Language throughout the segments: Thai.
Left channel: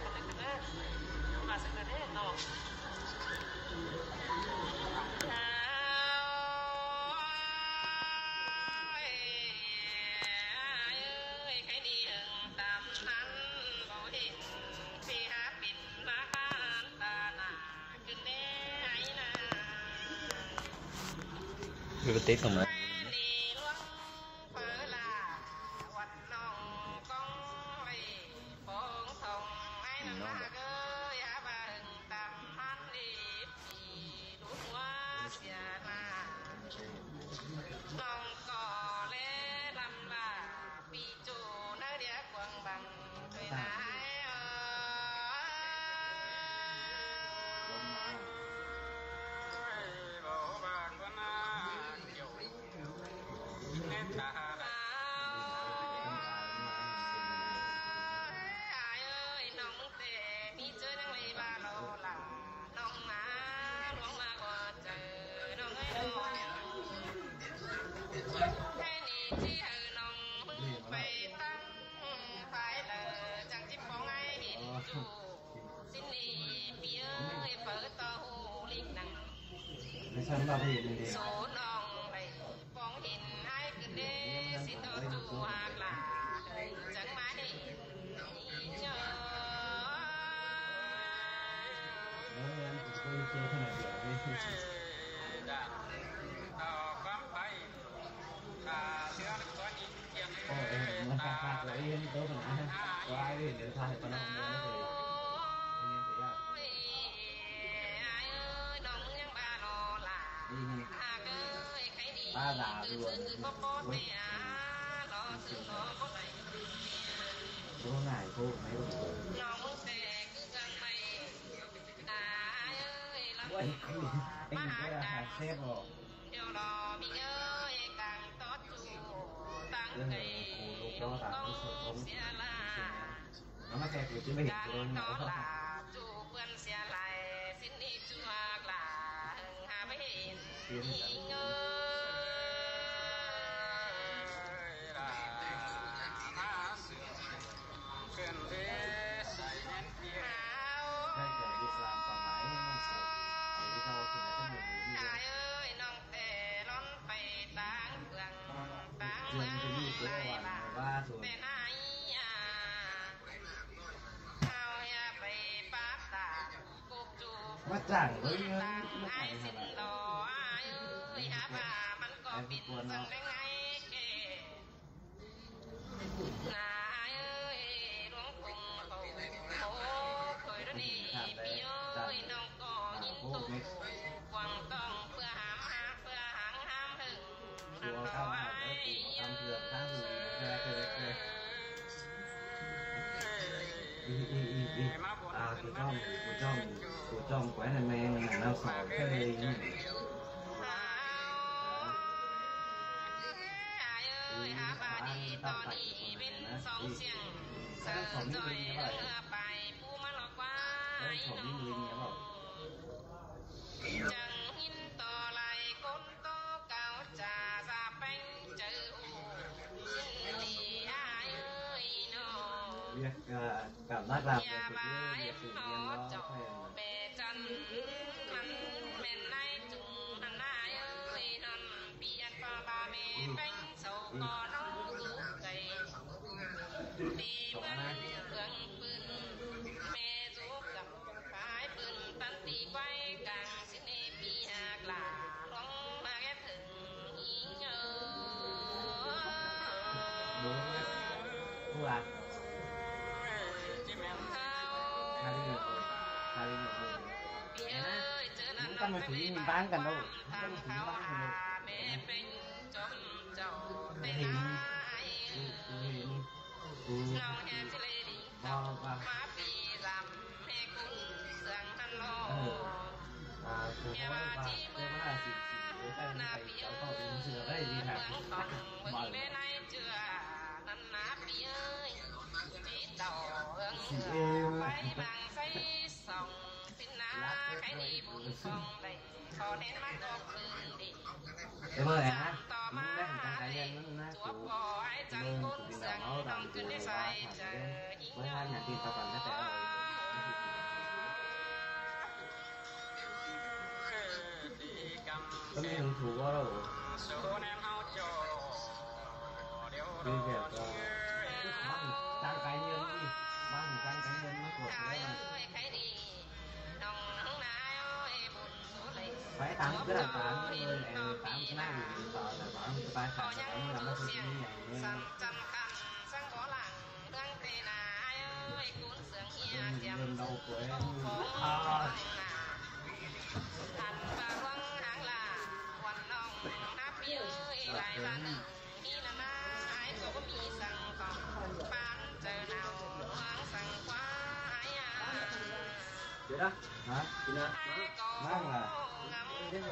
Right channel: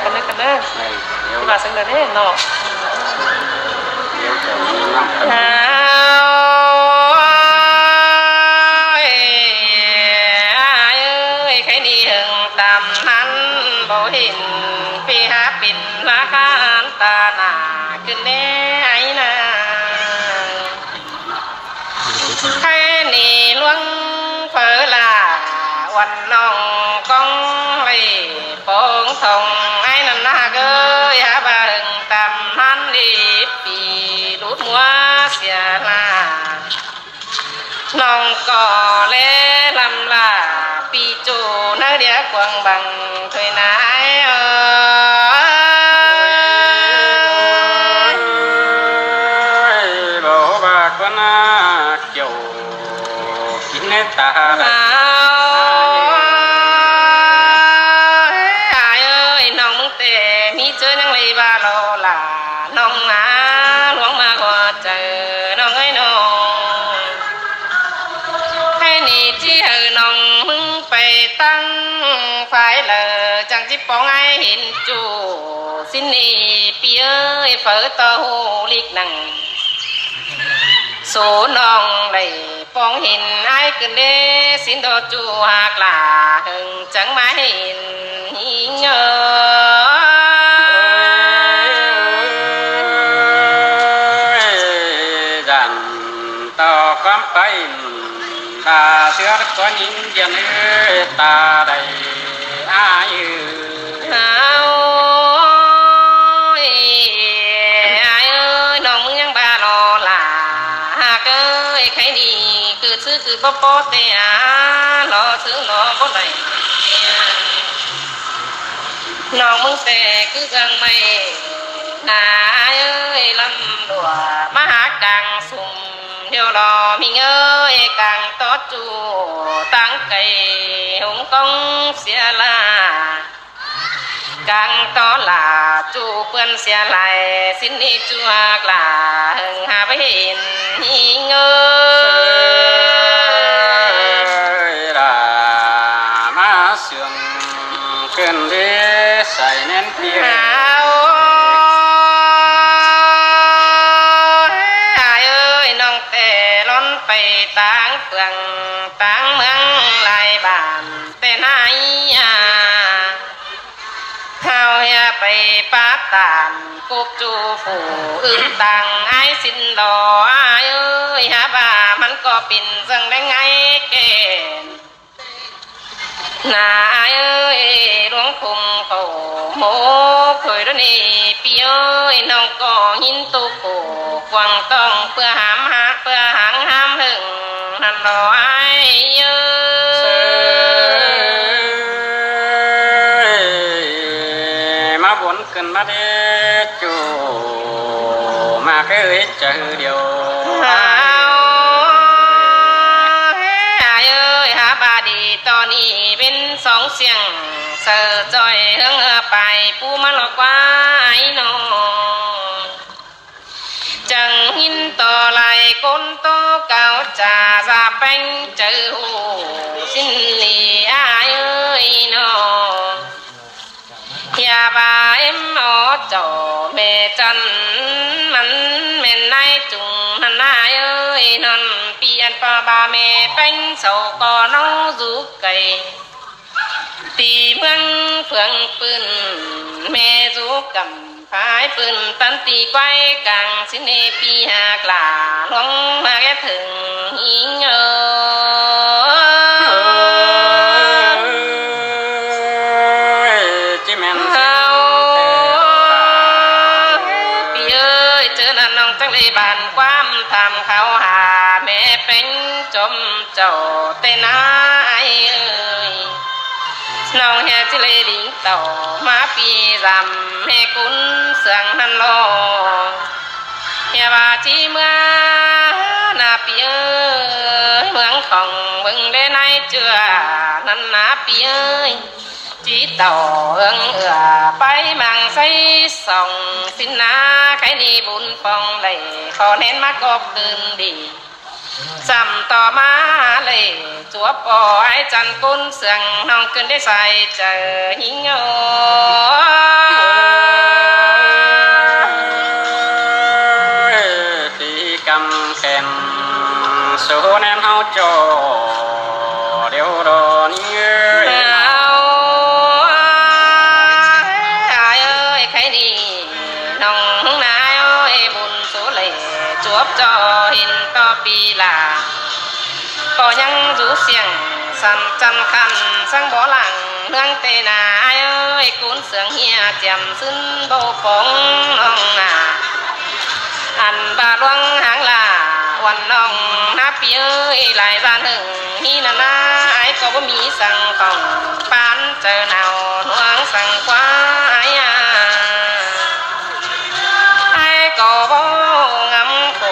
คนนึงกันเด้อที่ว่าซึ่งเด้อเนาะเดี๋ยวจะมีนำกันใครนี่หึงตามนั้นบ่เห็นปีหาปิ่นราคาตาหน้าขึ้นแน่ไอ้นางใครนี่ลวงเผอล่าวันน้องกองไว้โป่งทองไอ้นั่นนาเกยหาบ่หึงตามนั้นดีปีรูดมัวเสียลาน้องก็แลลำลาปีจูนาเดียกวางบังถอยนายบ่บาก็น่าเกี่ยวกินในตาน้องมึงแต่มีเจอนังเลยบาโลล่ะน้องนาหลวงมาก็เจอน้องเอ้ยน้องให้นี่ที่เฮอน้องมึงไปตั้งฝ่ายเลอจังจิปองไอ้เห็นจูสินนี่ปีเอ้ยเฝอต่อหูลิกนังโสน้องเลยปองเห็นไอ้ขึ้นเด้สินโดจูหากลาหึงจังมาเห็นหิเงอจันต่อความไปตาเสือก็ยิงยันตาใดอ้ายน้องมึงยังบาลอล่ะหากใครดีคือซื้อคือบ่ปอเตียรอซื้อรอบ่ได้น้องมึงแต่คือกังไม่นาลำดัวมาหากลางสุ่มเดียวรอมีเอ้ยกลางตอจูตั้งไก่หงกองเสียลากลางตอลาจูเปื้อนเสียไหลสินนี่จัวกลาหึงหาไปเห็นหิเงรามาเสื่อมเกินเดใส่แน่นเพียงน้องแต่ล้นไปต่างเฟืองต่างเมืองหลายบ้านแต่ไหนเฮาอย่าไปปาตานกุกจูฝูอื่นต่างไอ้สินดอหาบ่ามันก็ปิ่นจังได้ไงเกณฑ์นาหลวงคุมเขาโมเคยแล้วนี่ปีน้องก็หินตุกกวางต้องเพื่อหามหาเพื่อหางห้ามหึงนั่นรอไอ้มาบนขึ้นมาเดจูมาเคยเจอเดียวหาบาดีตอนนี้เป็นสองเสียงเสือจอยเฮืองไปปูมาหลอกว่าไอ้น้องจังหินต่อไหลก้นโตเก่าจ่าซาแป้งเจอหูสินลีอ้ายน้องอย่าบาเอ็มอจ่อแม่จันมันแม่นนายจุงนั่นนายนั่นเปลี่ยนปาบาแม่แป้งเสาก่อน้องจูไก่ตีเมืองเฟืองปืนแม่จูกำพายปืนตันตีไกวกลางสินเนปีหากลาหลวงมาแก่ถึงหิงจิแม่นเฮาปีเจอนั่นน้องจังเลยบานความทำเขาหาแม่เป็นจมเจ้าเตนาน้องแห่จิเลดิงต่อมาปีรำให้กุนเสียงหันโลเฮียบาจีเมื่อนาปีเมืองของบึงได้ในเจือนั่นนาปีจีต่อไปมังใส่ส่องสินนาใครนี่บุญฟองไหลขอเน้นมากบคืนดีซ้ำต่อมาเลยจัวปอไอ้จันกุนเสียงน้องขึ้นได้ใส่เจอหิง sầm chân khăn sang bó lặng hương tê nà ai ơi cuốn sướng hia chèm xin bầu phóng ông à ăn bà loang hàng làวันน้องนับเย้ยหลายร้านหนึ่งฮีนานาไอ้ก็บ่มีสั่งของปานเจอหนาวหวงสั่งควายไอ้ก็บ่งำโข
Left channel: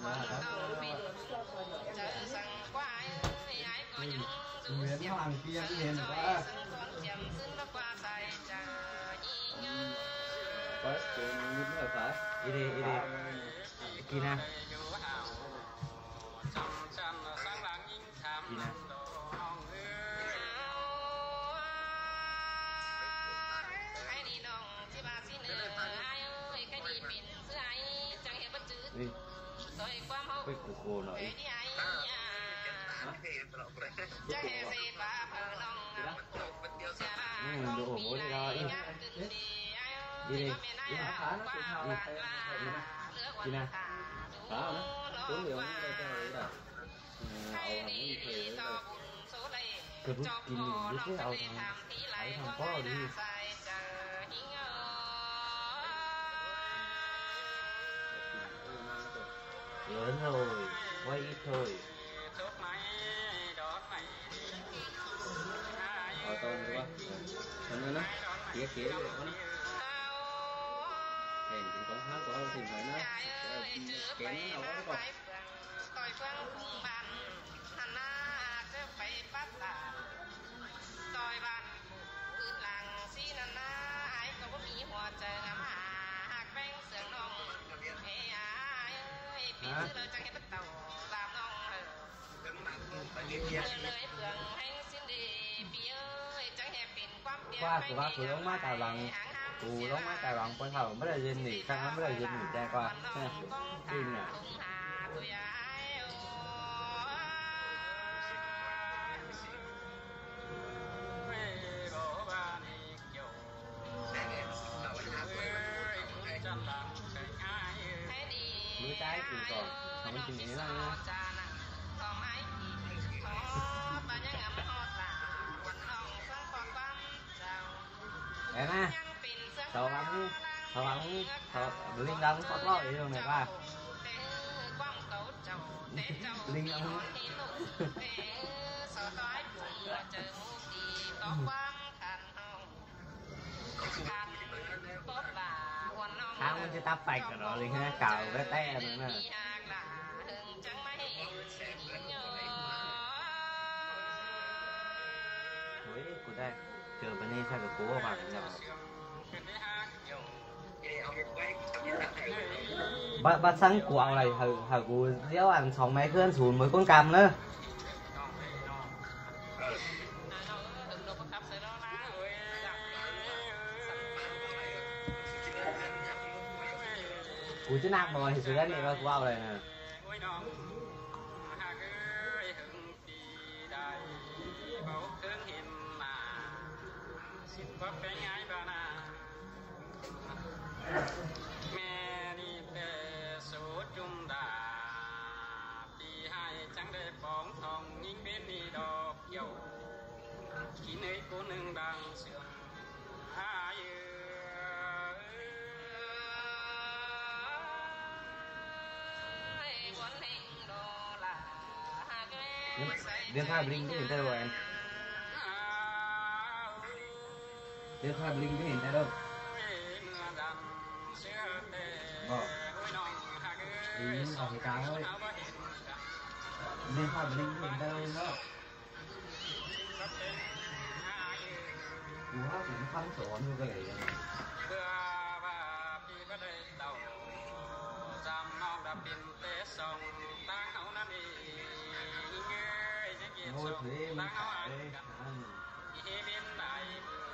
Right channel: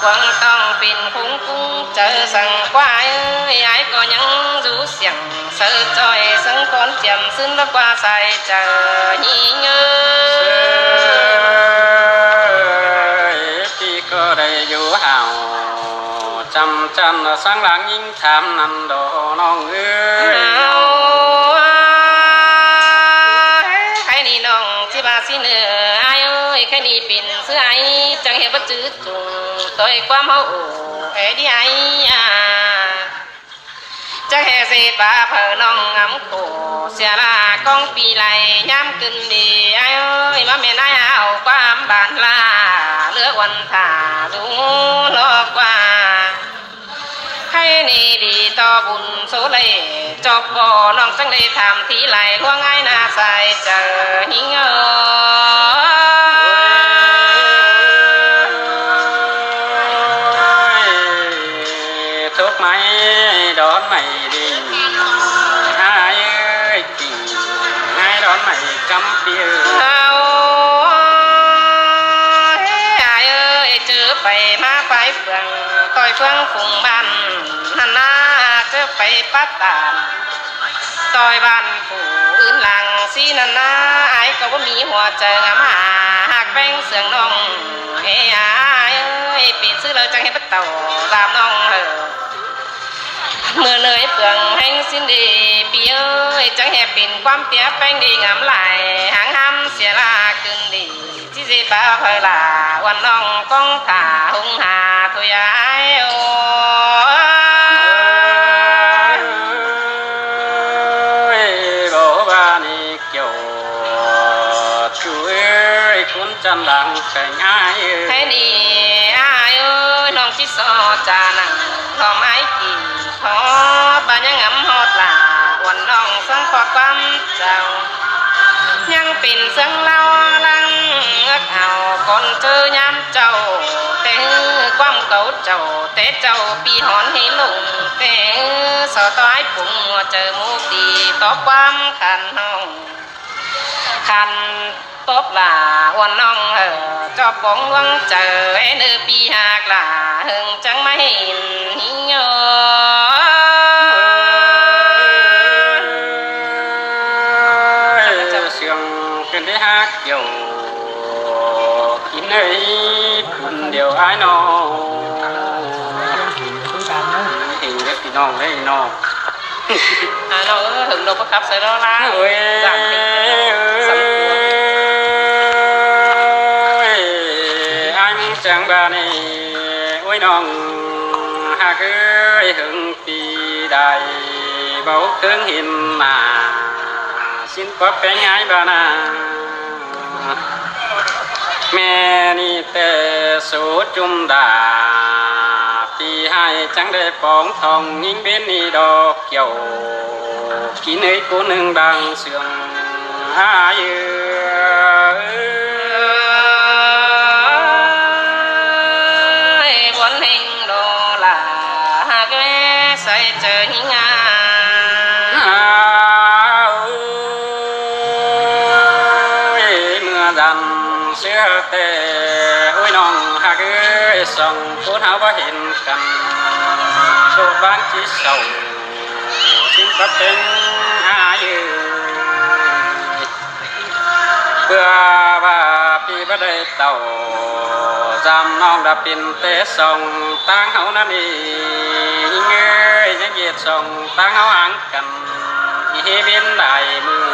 ควงต้องปิ่นคุ้งกุ้งเจอสั่งควายไอ้ก็ยังรู้เสียงเสือจอยสังคนเจียมซึ่งแล้วกว่าใส่เจอฮีเงยพี่ก็ได้อยู่ห่าวจำจันsáng lángยิ่งทำนันโดน้องเอ้ยใครนี่น้องที่บ้านสิเนื้อไอ้เอ้ยใครนี่ปิ่นเสื้อไอ้จังเห็นว่าจืดจุงตัวความเฮาเอ้ยดิไอ้จังเห็นเสียป้าเพอน้องงำโขเสียละกองปีไหลย้ำขึ้นดีไอ้เอ้ยมาเมียนไอ้เอาความบานลาเลือกวันถ่าดูโลกว่าให้นี่ดีต่อบุญโซเลจบบ่น้องจังได้ทำที่ไหลล่วงไอ้นาใส่เจอหิงทุกไม้ดอนไม่ดีหายเอ้ยจริงให้ดอนไม่จำเดียวไปมาไปเฟืองต่อยเฟืองฝุ่งบ้านหันหน้าเจอไปปัดตานต่อยบ้านผู้อื่นหลังสีนันหน้าไอ้ก็ว่ามีหัวเจองามหากแป้งเสืองน้องเฮ้ยไอ้ปีนซื้อเลยจังให้ปัดเต่าลามน้องเมื่อเนยเฟืองแห้งสิ้นดีปีเอ้ยจังแห่ปิ่นความเปียแป้งดีงามไหลหางห้ำเสียลาขึ้นดีที่สิบ้าเพลาวันน้องก้องตาหงหาตัวยายโอ้ยบอกว่านี่เกี่ยวช่วยคุณจันดังแข่งไอ้ให้นี่ไอ้เอ้ยน้องชิโซจานังทอไม้กี่ขอบ้านยังงำฮอดลาวันน้องสังขอความเจ้ายังปิ่นเสียงเล่าลังเอาคนเจอย้ำเจ้าแต่ความเก่าเจ้าแต่เจ้าปีหอนให้ลงแต่สอต้อยปุ่งเจอมุกดีต่อความขันห้องขันตบลาวันน้องจอบบ้องวังเจอไอ้เนื้อปีหากลาหึงจังไม่เห็นหิ้งโยเสียงเป็นได้ฮักเกี่ยวเฮ้ยเดี๋ยวไอ้น้องต้องการเนอะเห็นกับพี่น้องได้น้องน้องถึงเราประคับใส่เราละจากไอ้จังบ้านนี่โอ้ยน้องหากเอ้ยหึงปีใดเบาเครื่องหินมาสิ้นก็เป็นไงบ้านาแม่นี่แต่สูจุมดาปีให้จังได้ปองทองยิ่งเป็นนี่ดอกเกี่ยวกินให้กูหนึ่งดังเสื่องหายวันเฮงโดลาหากแม่ใส่เจอหิงาเสื้อแต่โอ้ยน้องหากเอ้ยส่องพูดหาว่าเห็นกันโชคบ้านที่เศร้าสิ้นก็เป็นอายุเพื่อว่าปีบ่ได้เต่าจำน้องดับปินเตะส่องตั้งเฮานั่นเองเอ้ยยังเหยียดส่องตั้งเฮาอ่างกันเฮเบียนได้มือ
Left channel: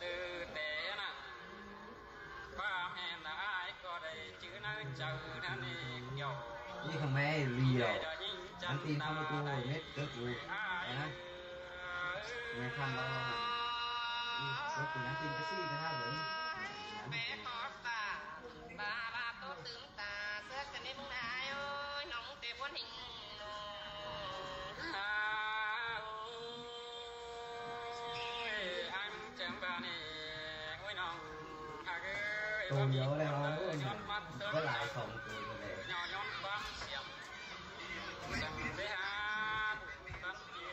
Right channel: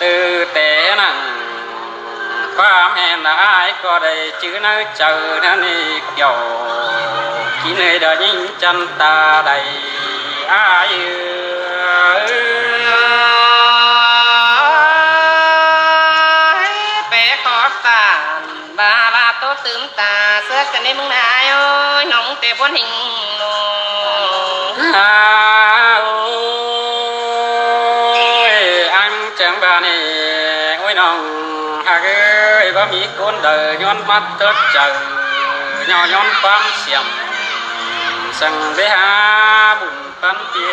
ตื่นแต่นั่งความแห่งนายก็ได้ชื่อน้าเจอนั่นนี่เกี่ยวกินให้ได้ยิ่งจันตาได้อายเป๋ขอตาบาลาโตตื่นตาเสื้อกันในมึงนายโอ้ยน้องเตะบนหิงโน น้องหากบ่มีคนเด้อย้อนมัดเติบเจอย้อนความเสียมสั่งไปหาบุญปันปี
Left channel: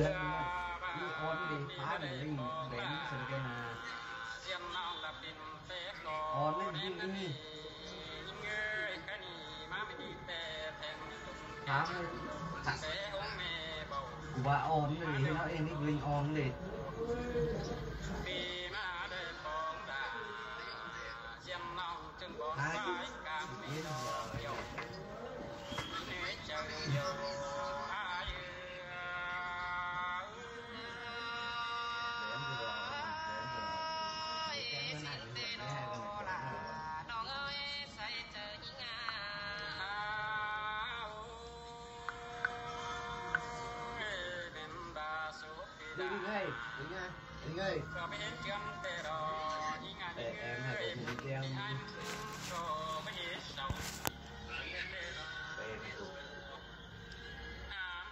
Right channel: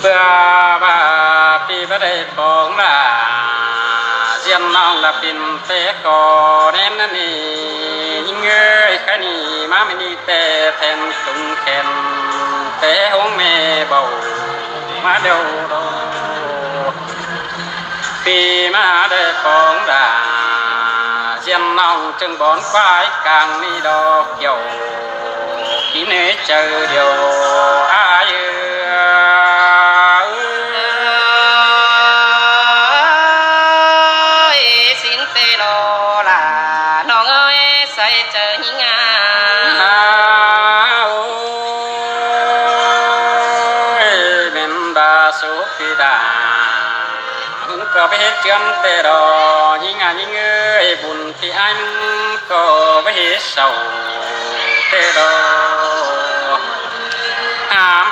เบื่อบ่าปีบ่ได้ปองลาเสียนน้องละปิ่นเตก่อแน่นนี่ยิงเอ้ยแค่นี้มาไม่มีแต่แทนตุงแขนแต่ห้องแม่เบามาเดียวปีมาได้ปองลาเสียนน้องจึงบอนควายกลางนี่ดอกเกี่ยวที่เนเจอเดียวอายสินเตโลล่ะน้องเอ้ยใส่เจอหิงาเป็นบาสุปิดาก็ไปเฮ็ดเจือนเตรอหิงาหิงเอ้ยบุญที่อันก็ไปเฮ็ดเศร้าเตรอ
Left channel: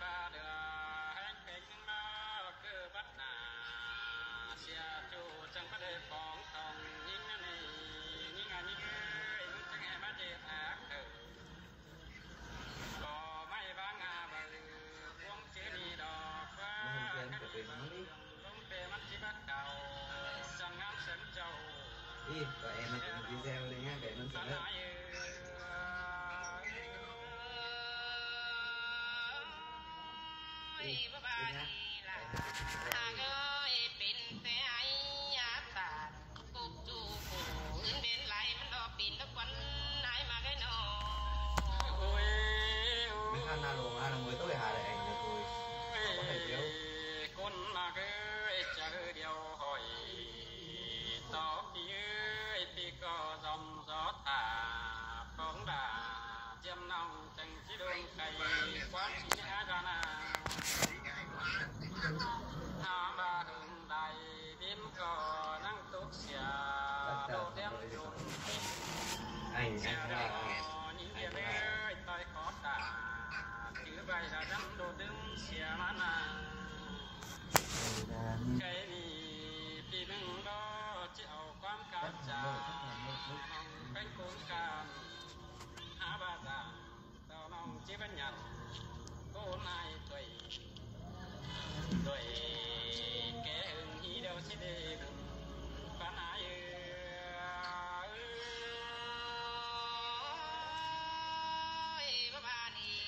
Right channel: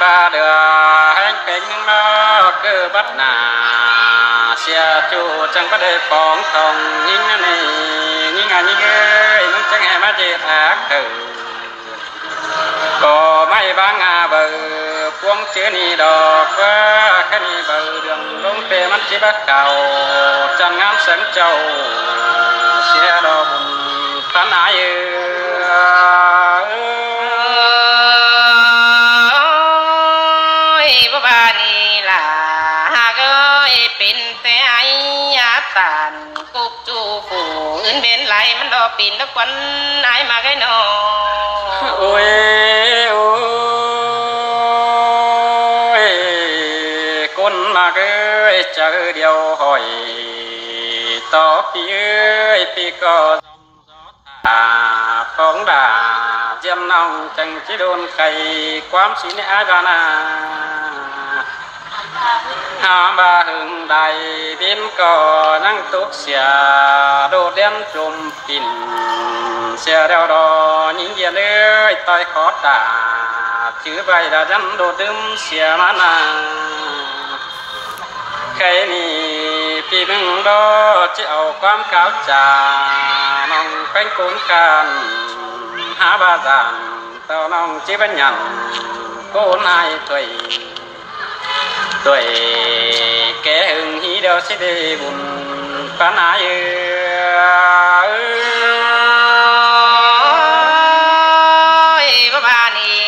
บาเดือแห่งเป็นนอเกิดบัดนาเสียจูจังบ่ได้ปองทองยิงนี่ยิงยิงเอ้ยมึงจังให้มาเจ็ดหากเถิดก็ไม่บางอาเบอพวงเจอนี่ดอกว่าคันนี้เบอเดืองลงเปมันสิบ่เก่าจังงามสังเจ้าเสียดอกปานายปิ่นตะควันอายมาไกนอโอ้ยคนมาเอ้ยเจอเดียวหอยต่อปีเอ้ยปีก็สมสอตาของดาเจียมน้องจังสิโดนไก่ความสิในอาจานาหาบาหึงใดบินก็นั่งตุกเสียโดดเด่นจมปิ่นเสียเดียวดอยิงเยียเลยต่อยขอตาถือใบดาจันโดดดื่มเสียมานาใครนี่ปีมึงดอจะเอาความก้าวจาน้องเป็นคนกันหาบาจานเต้าน้องจีบัญญัติโกนายตัวด้วยแกหึงฮีเดียวสิได้บุญปานายบ่บานี่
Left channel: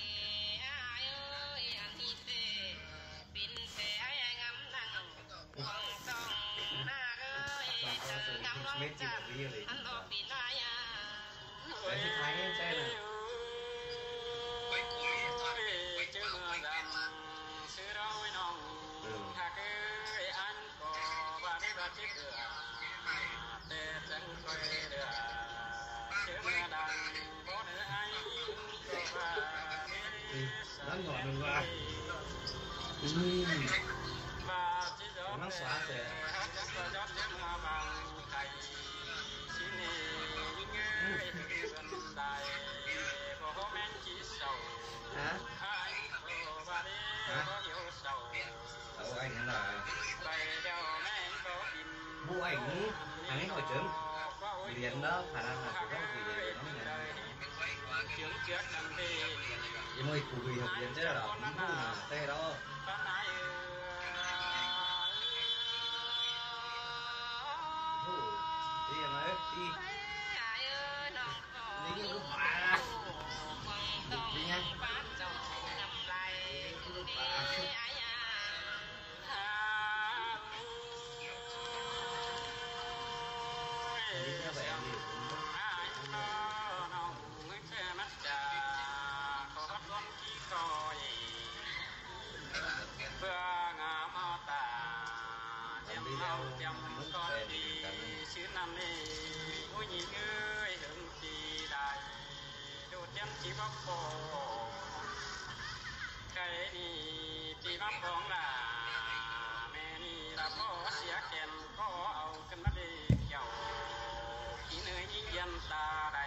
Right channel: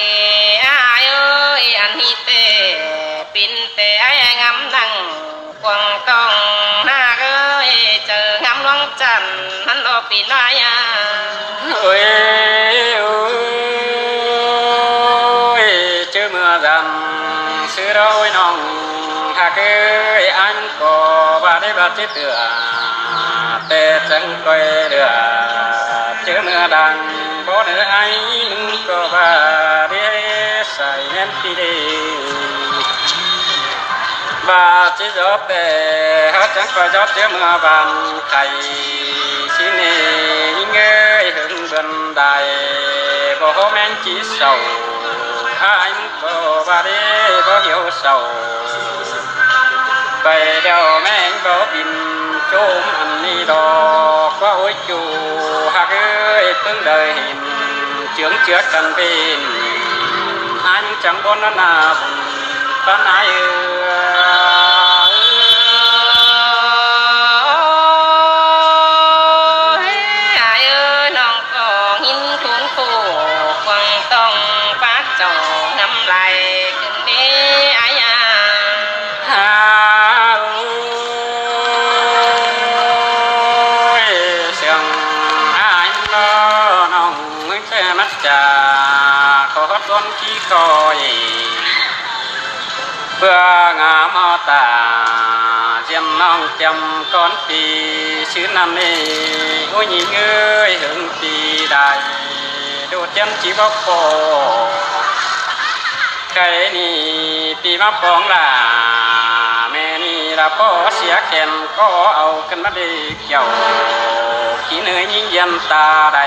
อายเอ้ยอันฮีเตปิ่นเตไองามดังกวางต้องหน้าเอ้ยเจองามลวงจันทร์หันโลปิ่นายโอ้ยเจอเมื่อดำซื้อเราไว้น้องหากเอ้ยอันก็บ่ได้บาดเจ็บเดือแต่จังก้อยเดือเจอเมื่อดังบ่ได้ไอ้มึงก็บ่ได้ใส่แน่นที่ดีบาดจิจบแต่หาจังก้อยจบเจอเมื่อบานไข่สินี่เงยหึงบันไดบ่แม่นจิเศร้าอ้ายมึงก็บ่ได้บ่เหี่ยวเศร้าไปเดียวแม่งบ่บินโจมอันนี้ดอกว่าโอ้ยจูหากเอ้ยเพิ่งได้เห็นเจืองเจือกันเป็นอันจังบ่นนาบุญปานายคอยเพื่องามตาเจียมน้องจำก้อนปีชื่อน้ำนี้โอ้ยยิงเอ้ยหึงปีได้ดูเจียมจีบพอใครนี่ปีมาปองล่ะแม่นี่ละพ่อเสียแขนก็เอากันมาดีเกี่ยวขี้เนื้อยิงยันตาใด